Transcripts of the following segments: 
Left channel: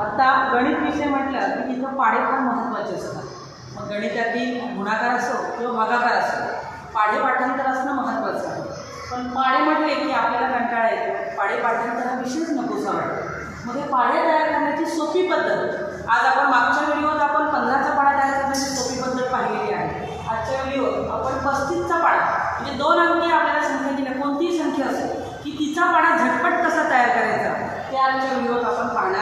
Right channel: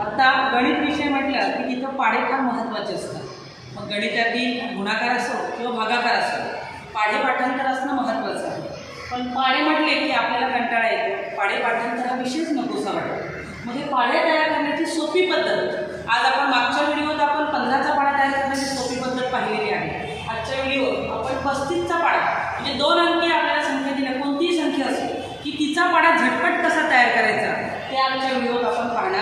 आता गणित विषय म्हटलं की तिथं पाढे फार महत्त्वाचे असतात. मग गणितातील गुणाकार असो किंवा भागाकार असो पाढे पाठांतर असणं महत्त्वाचं आहे. पण पाढे म्हटले की आपल्याला कंटाळा येतो. पाढे पाठांतर हा विषयच नकोसा वाटतो. मग हे पाढे तयार करण्याची सोपी पद्धत. आज आपण मागच्या व्हिडिओत आपण पंधराचा पाढा तयार करण्याची सोपी पद्धत पाहिलेली आहे. आजच्या व्हिडिओत आपण पस्तीसचा पाढा म्हणजे दोन अंकी आपल्याला संख्या दिल्या कोणतीही संख्या असो की तिचा पाढा झटपट कसा तयार करायचा ते आजच्या व्हिडिओत आपण पाहणार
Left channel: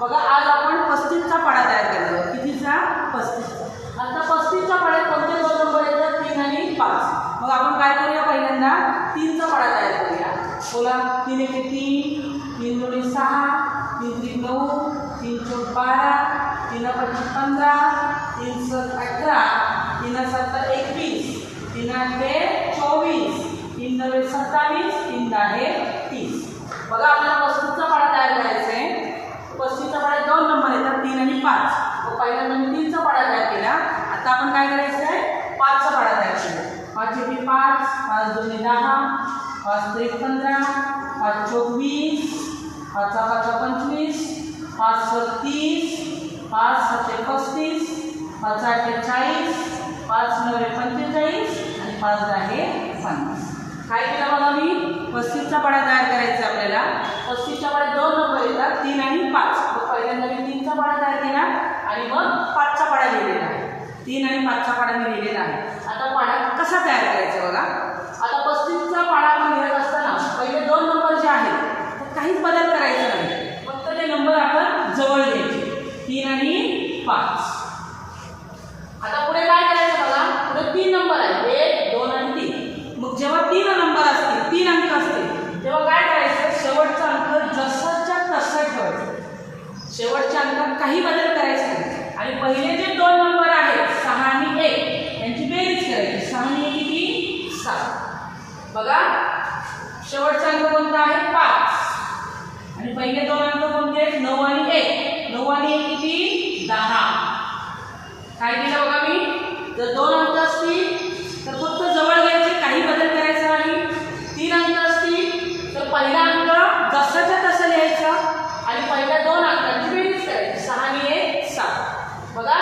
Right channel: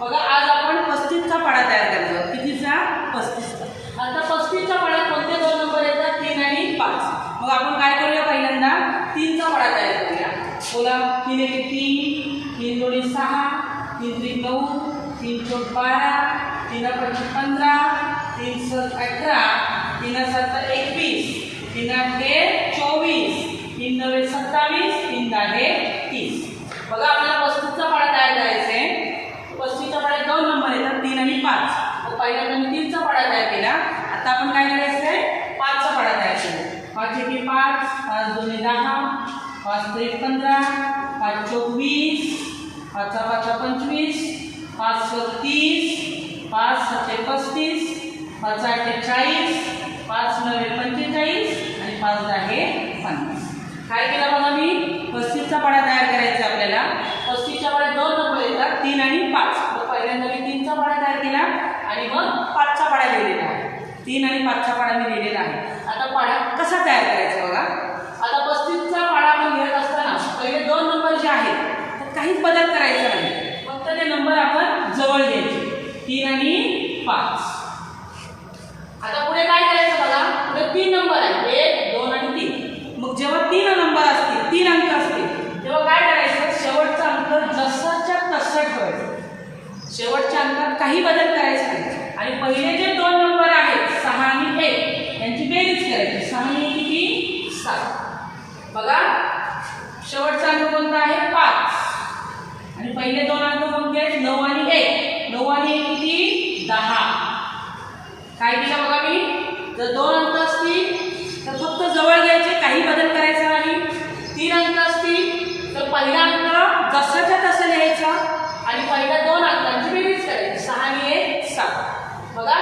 बघा आज आपण पस्तीसचा पाडा तयार करतो आहोत कितीचा? पस्तीसचा. आता पस्तीसच्या पाड्यात कोणते दोन नंबर येतात? तीन आणि पाच. मग आपण काय करूया पहिल्यांदा? तीनचा पाडा तयार करूया. बोला तीन एक तीन तीन दोन्ही सहा तीन तीन नऊ तीन चौक बारा तीन पंचवीस पंधरा तीन सात अठरा तीन सात एकवीस तीन आठ चोवीस तीन नव्हे सत्तावीस तीन दहा तीस बघा आपल्याला पस्तीसचा पाढा तयार करायचा आहे पस्तीसच्या पाड्यात दोन नंबर येतात तीन आणि पाच मग पहिल्यांदा मी तीनचा पाडा तयार केला. आता आपण काय करायचं आहे पाचचा पाडा तयार केला. पाच एकी पाच पाच दोन्ही दहा पाच त्रिक पंधरा पाच चोवीस पाचा पाचा पंचवीस पाच सत्तीस पाच सत्ते पस्तीस पाच आठे चाळीस पाच नव्हे पंचेचाळीस आणि पाच दहा पन्नास. काय केलं बघा मी? पस्तीसचा पाडा तयार करायचा आहे आपल्याला. पस्तीसच्या पाड्यात दोन नंबर येतात तीन आणि पाच मग पहिल्यांदा मी तीनचा पाडा तयार केला आणि मग पाचचा पाडा लिहिलेला आहे. तीन आणि पाचचा पाडा मी लिहिलेला आहे. आता पाडा कसा तयार करायचा बघा. आता पस्तीसचा पाडा आपण लिहित असताना पहिले दोन नंबर जे आहेत तर काहीच बदल करायचा नाही. फक्त ते नंबर आपण जवळ घ्यायचे. तीन आणि पाच. आता पुढे काय करायचं बघा? पुढे तीन नंबर आहे एक दोन आणि तीन. मग जेव्हा तीन नंबर असतील तीन अंक असतील तेव्हा काय करायचं? शेवटचा अंक जसाच्या तसा ठेवायचा. शेवटच्या अंकात काही बदल करायचा आणि पहिले जे दोन नंबर आहेत सहा आणि एक यांची बेरीज करायची. सहा आणि किती? सात. बघा शेवटचा अंक कोणता आहे? पाच. आणि पहिले दोन अंक कोणते आहेत? नऊ आणि एक. नऊ आणि एक किती? दहा. काय केलं बघा मी? जर दोन अंक असतील तर फक्त जवळ घ्यायचे काही बदल करायचा नाही तीन अंक असतील तर पहिला अंक जसाच्या तसं लिहायचा आणि पहिल्या दोन अंकांची बेरीज करायची सहा आणि एक सात बघा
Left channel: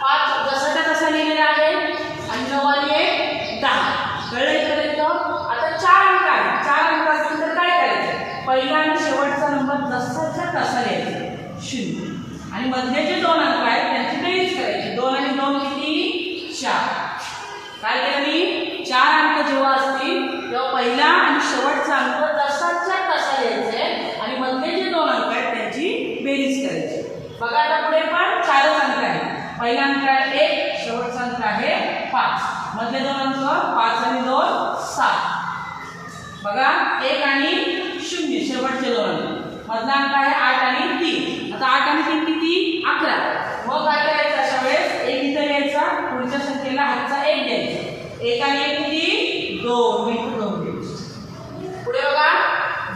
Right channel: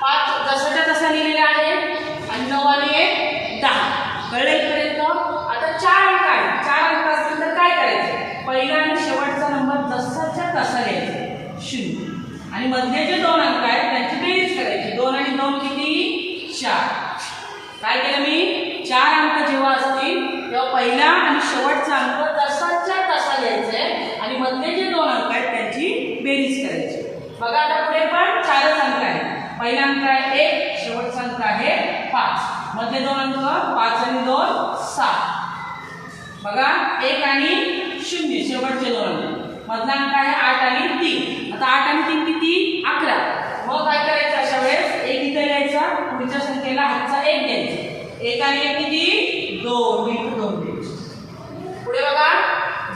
पाच जसाच्या तसा लिहिलेला आहे आणि नऊ आणि एक दहा कळलं इथपर्यंत आता चार अंक आहे चार अंक असतील तर काय करायचं? पहिला आणि शेवटचा नंबर जसाच्या तसा लिहायचा. शून्य. आणि मधले जे दोन अंक आहेत त्यांची बेरीज करायची. दोन आणि दोन किती? चार. काय केलं मी? चार अंक जेव्हा असतील तेव्हा पहिला आणि शेवटचा अंक तसाच्या तसा लिहायचे आणि मधले जे दोन अंक आहेत त्यांची बेरीज करायची. बघा आता पुढे पण चारच अंक आहेत. पहिला अंक आहे एक शेवटचा अंक आहे पाच. मधले दोन अंक पाच आणि दोन सात. बघा एक आणि शून्य शेवटचे दोन. मधला अंक आहे आठ आणि तीन. आता आठ आणि तीन किती? अकरा. मग काय करायचं अशा वेळेस? एक इथं लिहायचा पुढच्या संख्येला हातचा एक द्यायचा एक आणि एक किती? दोन. इथं दोन द्यायचे पुढे बघा.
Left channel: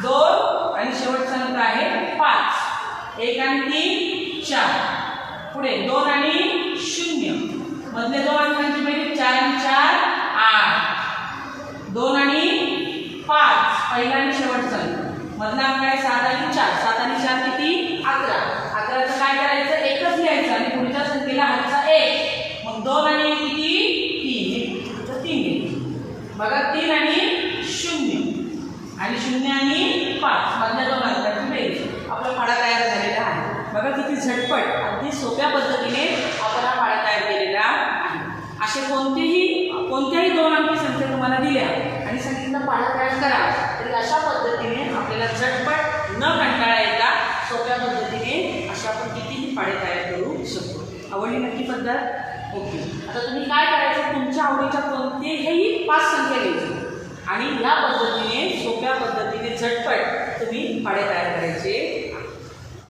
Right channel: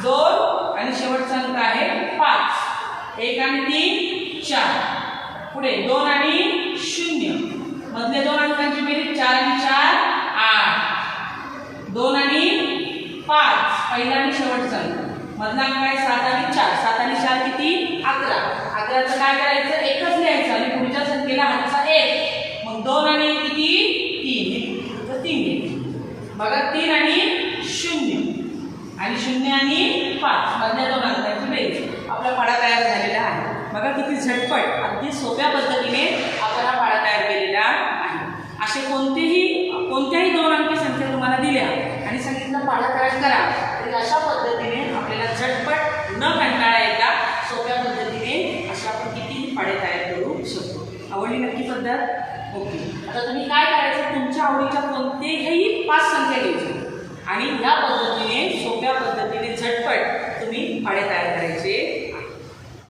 दोन आणि शेवटचा अंक आहे पाच. एक आणि तीन चार. पुढे दोन आणि शून्य. मधले दोन अंकांची बेरीज चार आणि चार आठ. दोन पहिला आणि शेवटचा अंक मधला अंक आहे सात आणि चार सात आणि चार किती? अकरा. अकराचं काय करायचं? एकच लिहायचं आणि पुढच्या संख्येला हातचा एक. मग दोन आणि एक किती? तीन. तर तीन बघा तीन आणि शून्य. आणि शून्य आणि पाच. मधल्या दोन अंकांची बेरीज? आपला पाडा तयार झालेला आहे. बघा किती झटपट अगदी सोप्या पद्धतीने आपण हा पाडा तयार केलेला आहे. असे कोणतेही कोणत्याही दोन अंकी संख्या तुम्हाला दिल्या आणि सांगितलं पाडा तयार करा. तरी अशा पद्धतीने आपल्याला झटपट न कंटाळा येता सोप्या पद्धतीने अशा आपण कितीही पाडे तयार करू शकतो. आवडली नक्की पद्धत? ओके. आता तुम्ही काय करायचं? तुमच्या आवडीच्या कोणतेही पाच संख्या घ्यायची. आणि या पद्धतीने सोप्या पद्धतीने झटपट तुम्ही पाडे तयार करायचे.